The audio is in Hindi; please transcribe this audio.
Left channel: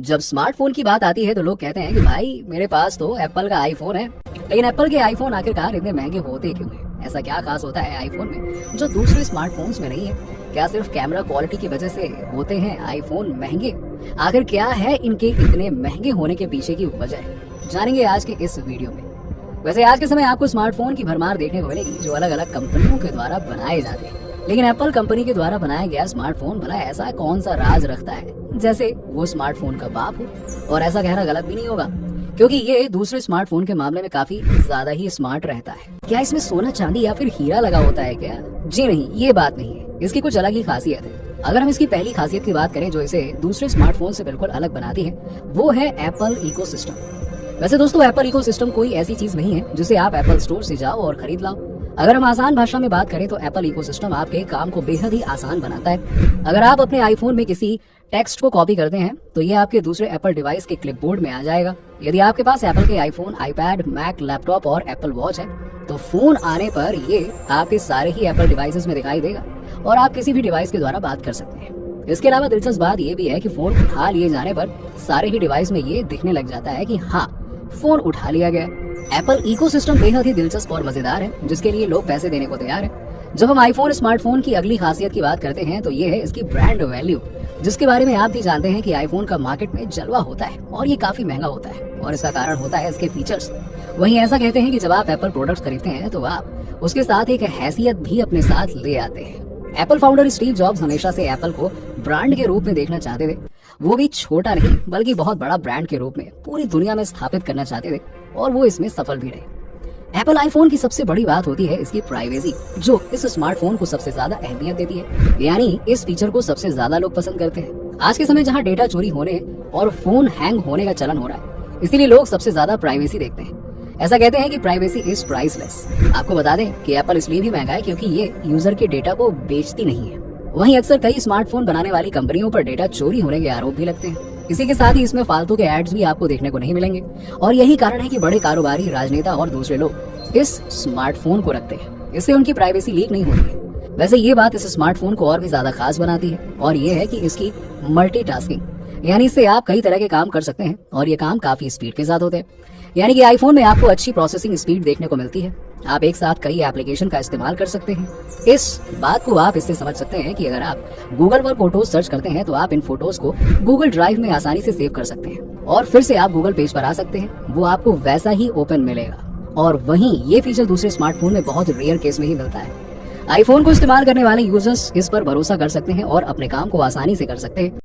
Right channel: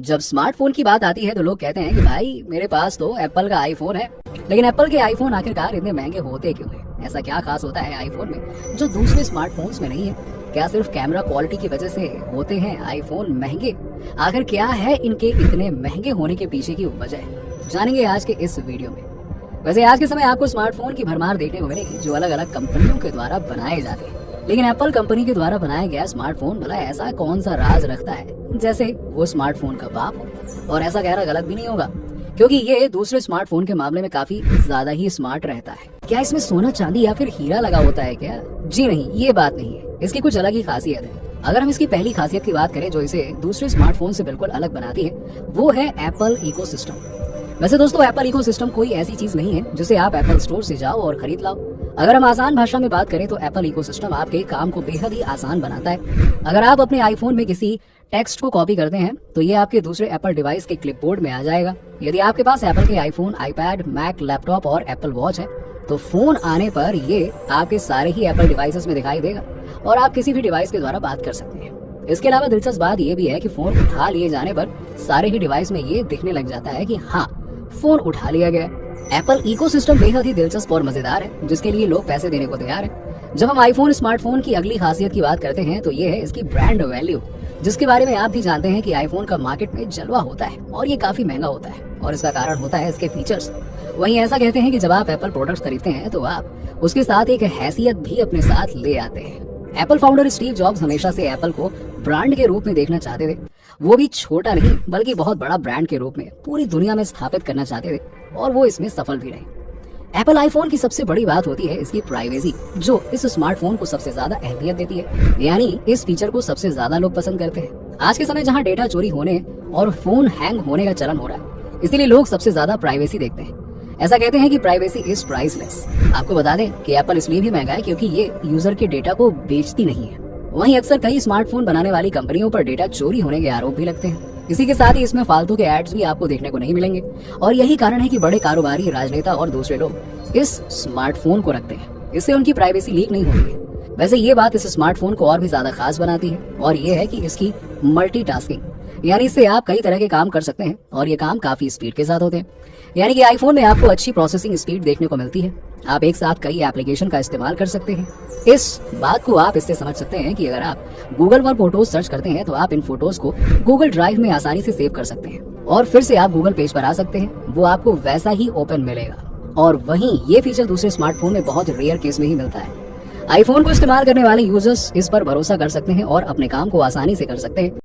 जब स्मार्टफोन की बात आती है तो लोग कहते हैं कि भाई मेरे पास तो एप्पल का आईफोन है। लेकिन एप्पल के आईफोन आखिरकार इतने महंगे होते क्यों हैं? ऐसा क्या खास होता है आईफोन में जो दूसरे स्मार्टफोन्स में नहीं है? क्या सिर्फ कैमरा क्वालिटी की वजह से होते हैं आईफोन महंगे? आखिर क्या है इनके इतने महंगे होने के पीछे की वजह? जानेंगे आज के इस वीडियो में। वैसे आज के समय आपको स्मार्टफोन की भरमार देखने को मिलेगी जो अलग अलग कंपनियों के द्वारा बनाए जाते हैं। लेकिन एप्पल कंपनी के द्वारा बनाया गया स्मार्टफोन भला ऐसा कौन सा राज रखता है जैसे वो स्मार्टफोन का बाप हो? और ऐसा कहना गलत भी नहीं होगा क्योंकि ये दूसरे स्मार्टफोन के मामले में काफी ज्यादा ही स्मार्ट रहता है। क्या इसमें सोना चांदी या फिर हीरा लगा होता है क्या? जी नहीं, ये बात नहीं है। इसकी कुछ अलग ही खासियत है। अगर हम इसकी पहली खासियत की बात करें जो इसे दूसरे स्मार्टफोन से बिल्कुल अलग बनाती है, वो है एप्पल इकोसिस्टम। वैसे दोस्तों, एप्पल इकोसिस्टम कोई ऐसी चीज नहीं है जिसे आप एप्पल स्टोर से जाओ और खरीद लाओ। अगर हम आसान भाषा में बात करें तो एप्पल इकोसिस्टम आपके काम को बेहद ही आसान बनाता है। अगर आप अपने आईफोन में किसी टेक्स्ट को कॉपी करते हैं तो ये आपके दूसरे एप्पल डिवाइस के क्लिपबोर्ड में आ जाएगा। यदि आपके पास एप्पल के आईफोन, आईपैड, मैक, लैपटॉप और एप्पल वॉच है तो फोन आने पर ये आपके सारे ही एप्पल डिवाइसेस में दिखाई देगा और आप किसी भी डिवाइस के द्वारा बात कर सकते हैं। इसके अलावा दिलचस्प बात यह भी है कि फोन उठा लिए जाने पर सारे ही डिवाइस में ये दिखने लग जाता है कि हाँ, फोन उठा लिया गया है। एप्पल इकोसिस्टम बेहद ही दिलचस्प और मजेदार है जिसके लिए लोग पैसे देने को तैयार हैं। जब हम आईफोन स्मार्टफोन की अगली खासियत की बात करते हैं तो ये है इसकी ब्रांड वैल्यू, जिसके बारे में आप भी जानते हैं कि आईफोन का मार्केट में जलवा होता है और ये काफी महंगा होता है और इसका कारण होता है इसके फीचर्स। वहीं ऐसा कहते हैं कि जब आप एप्पल प्रोडक्ट्स खरीदते हैं तो आप उसके साथ एक हैसियत भी अपने साथ ले आते हैं। एप्पल फाउंडर स्टीव जॉब्स हमेशा से एप्पल को ब्रांड के रूप में देखना चाहते थे। वो भी छोटा नहीं बल्कि बहुत बड़ा ब्रांड के रूप में पूरी दुनिया में स्थापित करना चाहते थे और वो इसमें सफल भी रहे। एप्पल आईफोन की सबसे बड़ी बात होती है इसकी प्राइवेसी, जो इस स्मार्टफोन को सबसे ज्यादा अहमियत देती है। यानी इस फीचर को सबसे ज्यादा लोग पसंद करते हैं। आज के समय जहां डेटा चोरी होने और फोन हैंग होने का चलन हो रहा है, इसीलिए लोग सबसे ज्यादा प्राइवेसी देखते हैं। ऐसा कहते हैं कि प्राइवेसी इज प्राइसलेस। आपको बता दें कि एप्पल इसलिए भी महंगा है क्योंकि ये यूजर के डेटा को बेचती नहीं है। वहीं अक्सर कई स्मार्टफोन बनाने वाली कंपनियों पर डेटा चोरी होने के आरोप भी लगते हैं। इसी के साथ ही इसमें फालतू के एड्स भी आपको देखने को नहीं मिलेंगे और यही कारण है कि बड़े कारोबारी, राजनेता और दूसरे लोग इस स्मार्टफोन को रखते हैं। इससे उनकी प्राइवेसी लीक नहीं होती है। वैसे ये बात इस स्मार्टफोन को और भी ज्यादा खास बनाती है और ये है कि इसकी मल्टीटास्किंग, यानी इससे आप कई तरह के काम कर सकते हैं और ये काम काफी स्पीड के साथ होते हैं। यानी कि आईफोन में आपको अच्छी प्रोसेसिंग स्पीड देखने को मिलती है। आप एक साथ कई एप्लीकेशन का इस्तेमाल कर सकते हैं। इस बात को आप इससे समझ सकते हैं कि अगर आप गूगल पर फोटोज सर्च करते हैं तो आप इन फोटोज को गूगल ड्राइव में आसानी से सेव कर सकते हैं और फिर से आप गूगल पेज पर आ सकते हैं। वो आपको वैसा ही ओपन मिलेगा। और वहीं ये फीचर दूसरे स्मार्टफोन में बहुत रेयर केस में ही मिलता है। आईफोन को इस्तेमाल करने वाले यूजर्स इस पर भरोसा कर सकते हैं और अपने काम को आसानी से कर सकते हैं।